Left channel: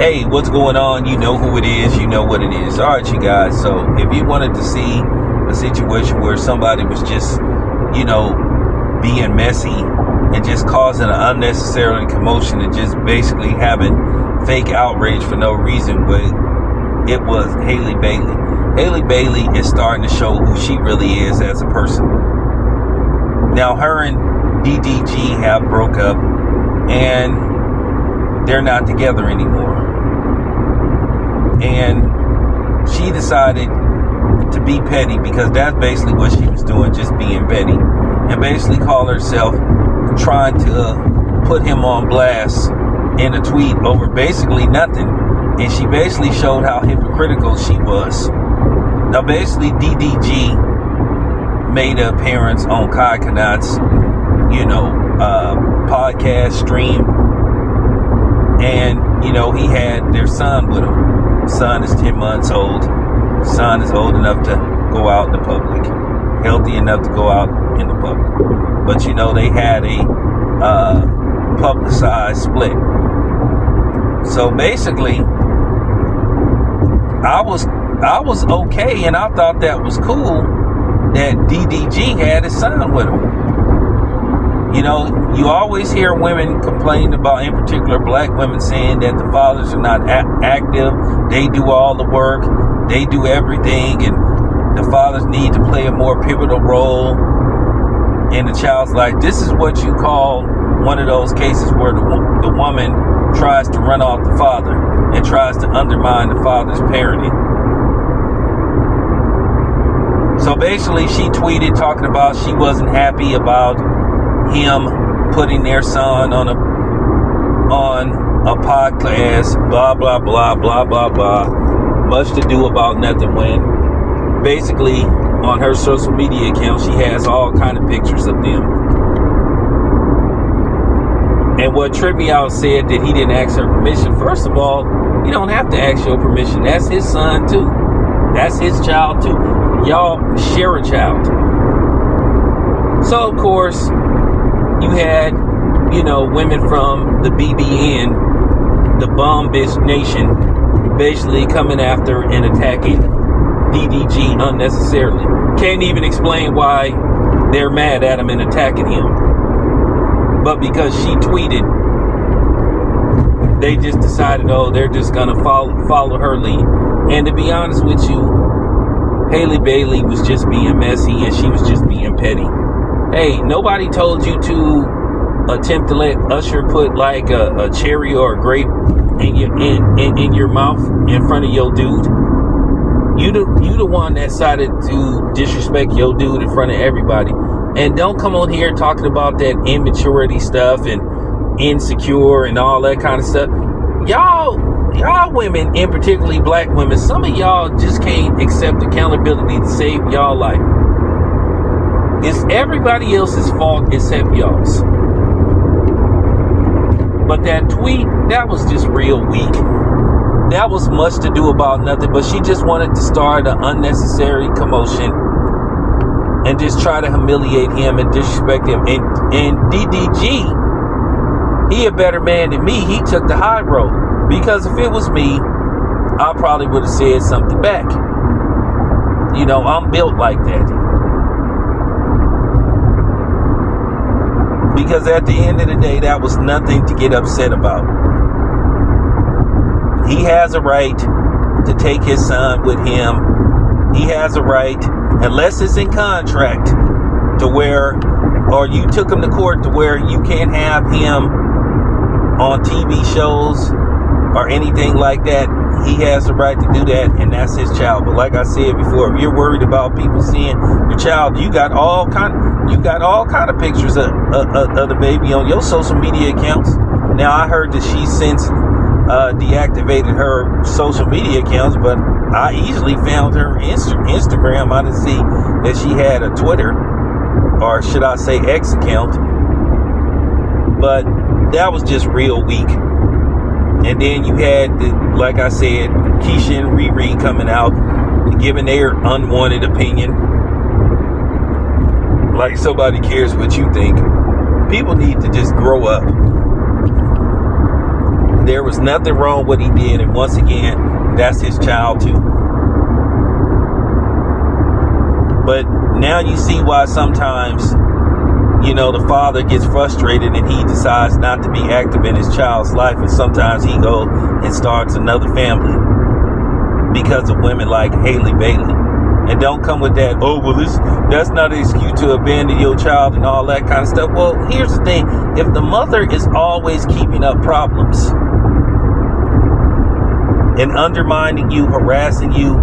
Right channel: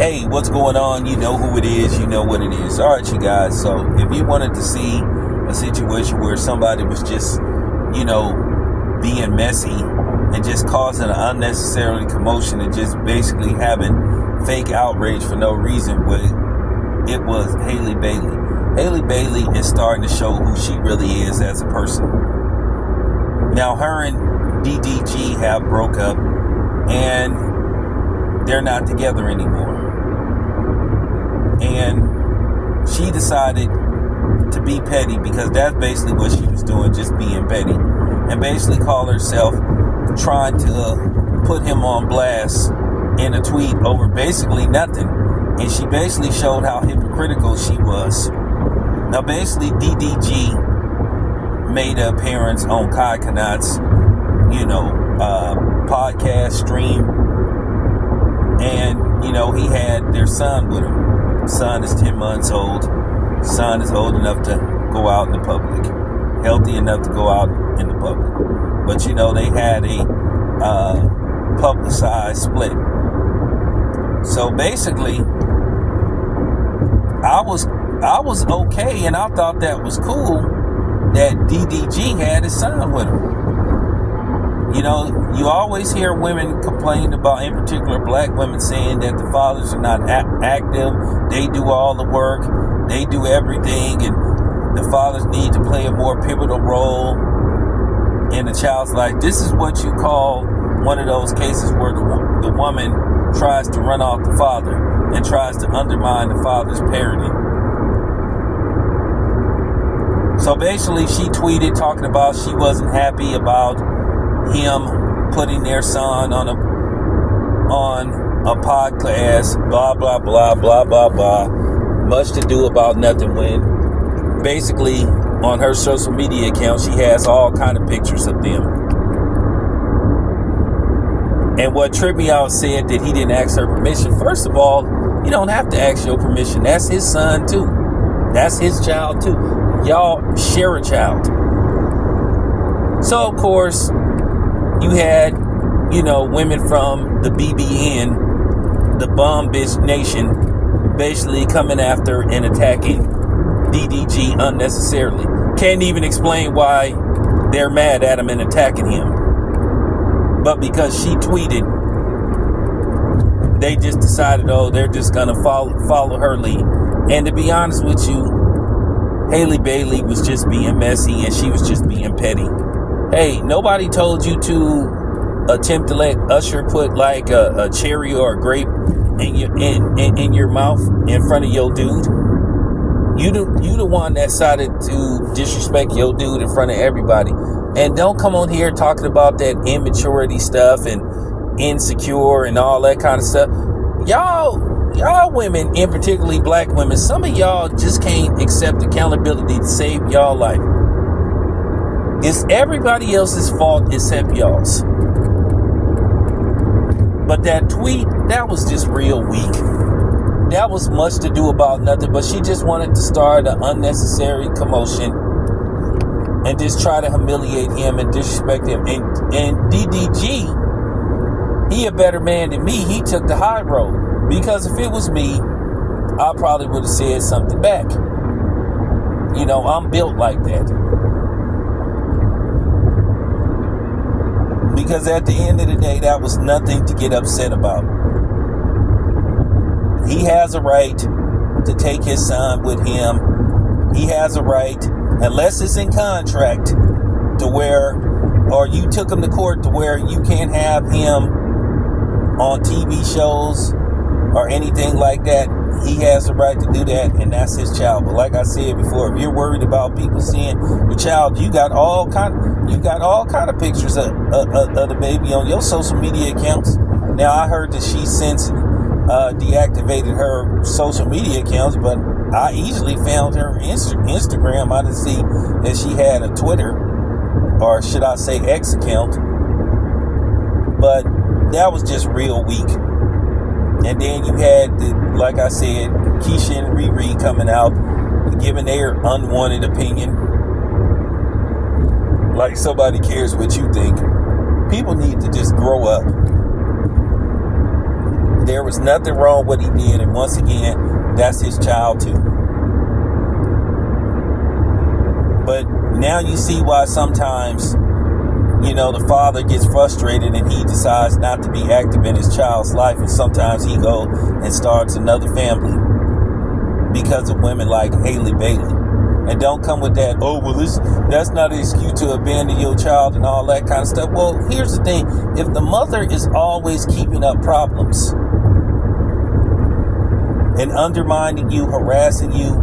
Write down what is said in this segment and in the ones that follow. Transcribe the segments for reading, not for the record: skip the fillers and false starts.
Hey, what's going on? You know who it is. You know what it is. All right, you guys. So if you wanted to see a situation where somebody was just, being messy and just causing an unnecessary commotion and just basically having fake outrage for no reason, but it was Haley Bailey. Haley Bailey is starting to show who she really is as a person. Now, her and DDG have broke up and they're not together anymore. And she decided to be petty because that's basically what she was doing, just being petty. And basically call herself trying to put him on blast in a tweet over basically nothing. And she basically showed how hypocritical she was. Now, basically, DDG made an appearance on Kai Kanat's, podcast stream. And, he had their son with him. Son is 10 months old. Son is old enough to go out in the public. Healthy enough to go out in the public. But, they had a publicized split. So, basically, I was okay, and I thought that was cool that DDG had his son with him. You always hear women complain about, in particular black women, saying that the fathers are not active. They do all the work. They do everything. And the fathers need to play a more pivotal role in the child's life. This is what you call one of those cases where the woman tries to run off the father and tries to undermine the father's parenting. So basically, she tweeted talking about she wasn't happy about him putting their son on a podcast, blah, blah, blah, blah, blah, blah. Much to do about nothing, when basically on her social media account, she has all kind of pictures of them. And what tripped me out said that he didn't ask her permission. First of all, you don't have to ask your permission. That's his son too. That's his child too. Y'all share a child. So, of course, you had, women from the BBN, the Bomb Bitch Nation, basically coming after and attacking DDG unnecessarily. Can't even explain why they're mad at him and attacking him. But because she tweeted, they just decided, they're just going to follow her lead. And to be honest with you, Haley Bailey was just being messy and she was just being petty. Hey, nobody told you to attempt to let Usher put like a cherry or a grape in your mouth in front of your dude. You the one that decided to disrespect your dude in front of everybody. And don't come on here talking about that immaturity stuff and insecure and all that kind of stuff. Y'all women, and particularly black women, some of y'all just can't accept accountability to save y'all life. It's everybody else's fault except y'all's. But that tweet, that was just real weak. That was much to do about nothing, but she just wanted to start an unnecessary commotion and just try to humiliate him and disrespect him. And DDG, he a better man than me. He took the high road. Because if it was me, I probably would have said something back. I'm built like that. Because at the end of the day, that was nothing to get upset about. He has a right to take his son with him. He has a right, unless it's in contract, to where, or you took him to court to where you can't have him on TV shows or anything like that. He has the right to do that, and that's his child. But like I said before, if you're worried about people seeing your child, you got all kind of pictures of the baby on your social media accounts. Now, I heard that she since deactivated her social media accounts, but I easily found her Instagram. I didn't see that she had a Twitter, or should I say X account. But that was just real weak. And then you had, like I said, Keisha and Riri coming out, giving their unwanted opinion. Like somebody cares what you think. People need to just grow up. There was nothing wrong with what he did. And once again, that's his child too. But now you see why sometimes, the father gets frustrated and he decides not to be active in his child's life. And sometimes he goes and starts another family because of women like Haley Bailey. And don't come with that, that's not an excuse to abandon your child and all that kind of stuff. Well, here's the thing. If the mother is always keeping up problems and undermining you, harassing you,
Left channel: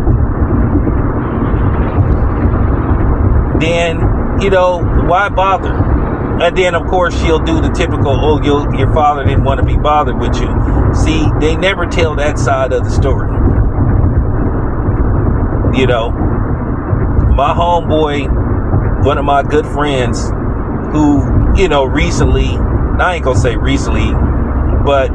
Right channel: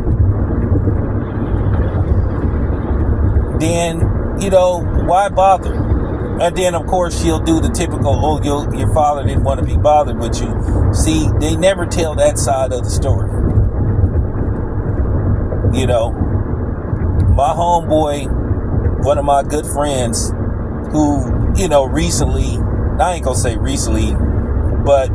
then, why bother? And then, of course, she'll do the typical, your father didn't want to be bothered with you. See, they never tell that side of the story. My homeboy, one of my good friends, who, recently, I ain't gonna say recently, but,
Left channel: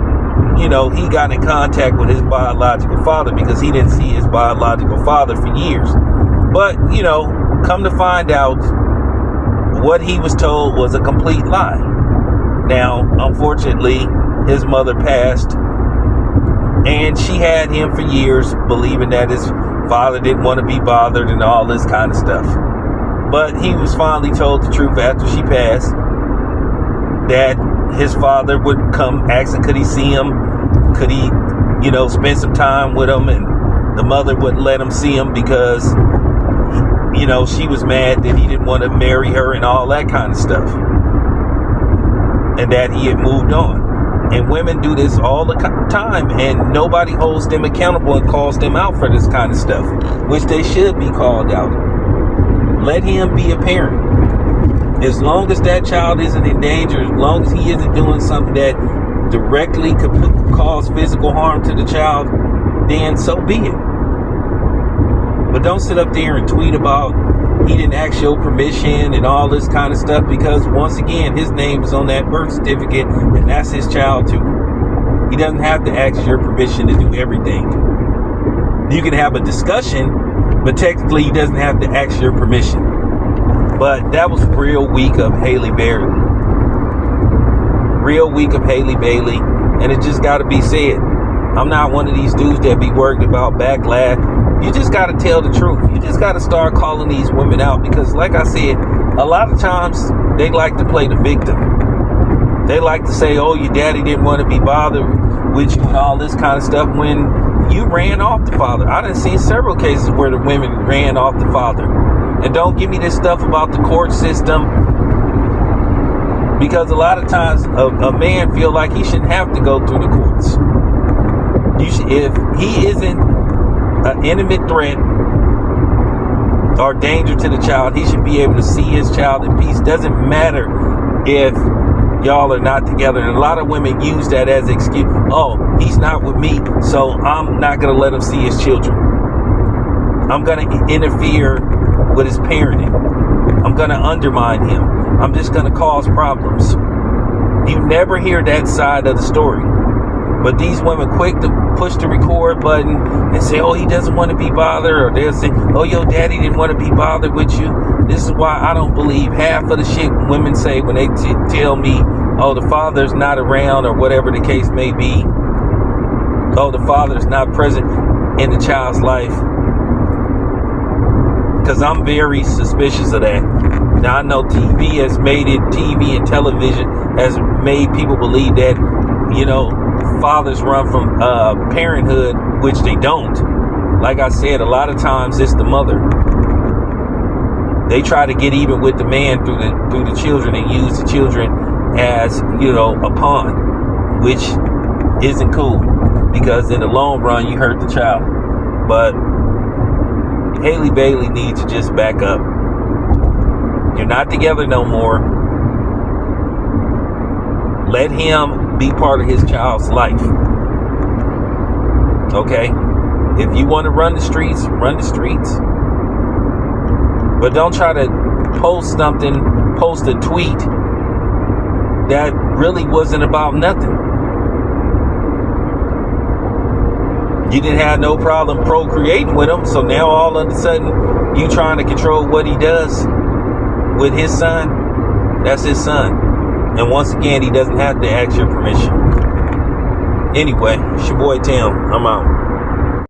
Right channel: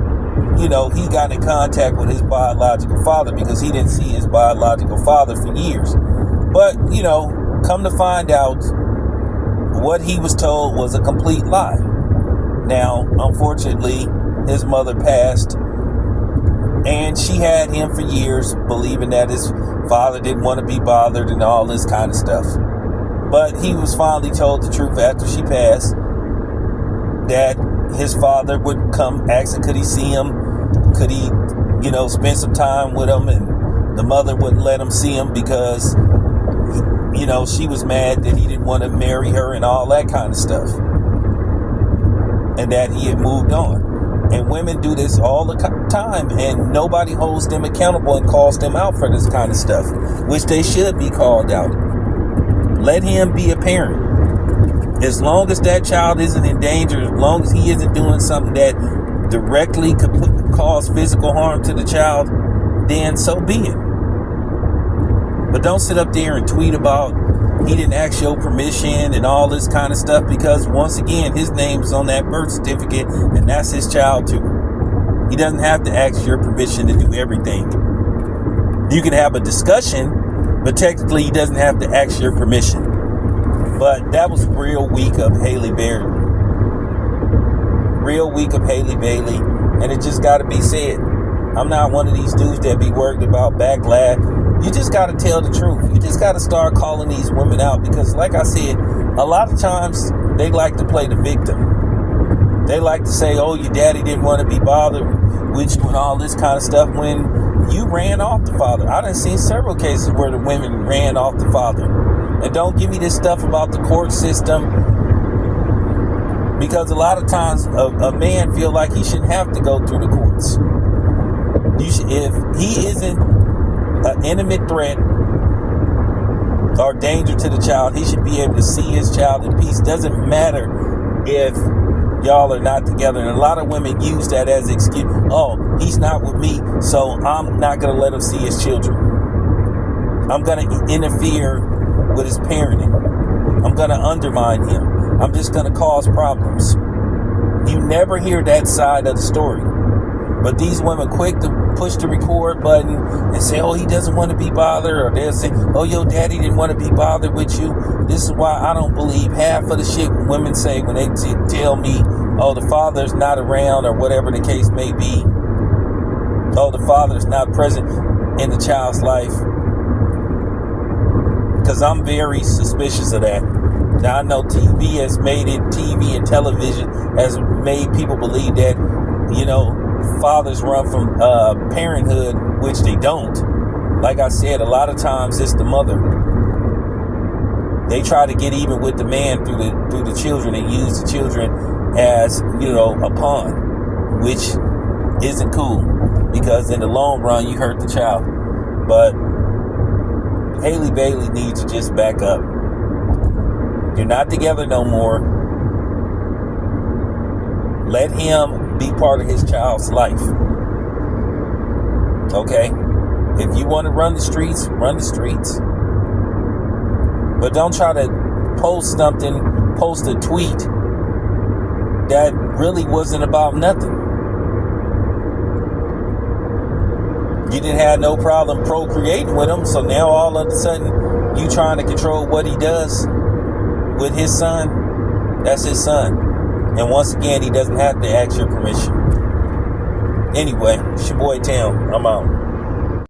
he got in contact with his biological father because he didn't see his biological father for years. But, come to find out, what he was told was a complete lie. Now, unfortunately, his mother passed, and she had him for years, believing that his father didn't want to be bothered and all this kind of stuff. But he was finally told the truth after she passed, that his father would come asking, could he see him? Could he, spend some time with him? And the mother wouldn't let him see him because, she was mad that he didn't want to marry her and all that kind of stuff. And that he had moved on. And women do this all the time, and nobody holds them accountable and calls them out for this kind of stuff, which they should be called out. Let him be a parent. As long as that child isn't in danger, as long as he isn't doing something that directly could cause physical harm to the child, then so be it. But don't sit up there and tweet about he didn't ask your permission and all this kind of stuff, because once again, his name is on that birth certificate and that's his child too. He doesn't have to ask your permission to do everything. You can have a discussion, but technically he doesn't have to ask your permission. But that was real weak of Haley Bailey. Real weak of Haley Bailey. And it just got to be said. I'm not one of these dudes that be worried about backlash. You just got to tell the truth. You just got to start calling these women out, because like I said, a lot of times they like to play the victim. They like to say, your daddy didn't want to be bothered with you and all this kind of stuff, when you ran off the father. I done seen several cases where the women ran off the father. And don't give me this stuff about the court system, because a lot of times a man feel like he shouldn't have to go through the courts. If he isn't an intimate threat or danger to the child, he should be able to see his child in peace. Doesn't matter if y'all are not together. And a lot of women use that as an excuse. He's not with me, so I'm not going to let him see his children. I'm going to interfere with his parenting. I'm going to undermine him. I'm just going to cause problems. You never hear that side of the story. But these women quick to push the record button and say, he doesn't want to be bothered. Or they'll say, your daddy didn't want to be bothered with you. This is why I don't believe half of the shit women say when they tell me, the father's not around, or whatever the case may be. The father's not present in the child's life. Because I'm very suspicious of that. Now, I know TV and television has made people believe that, fathers run from parenthood, which they don't. Like I said, a lot of times it's the mother. They try to get even with the man through the children and use the children as, a pawn, which isn't cool, because in the long run you hurt the child. But Haley Bailey needs to just back up. You're not together no more. Let him be part of his child's life. Okay? If you want to run the streets, run the streets. But don't try to post a tweet that really wasn't about nothing. You didn't have no problem procreating with him, so now all of a sudden you trying to control what he does with his son. That's his son. And once again, he doesn't have to ask your permission. Anyway, it's your boy Tim. I'm out.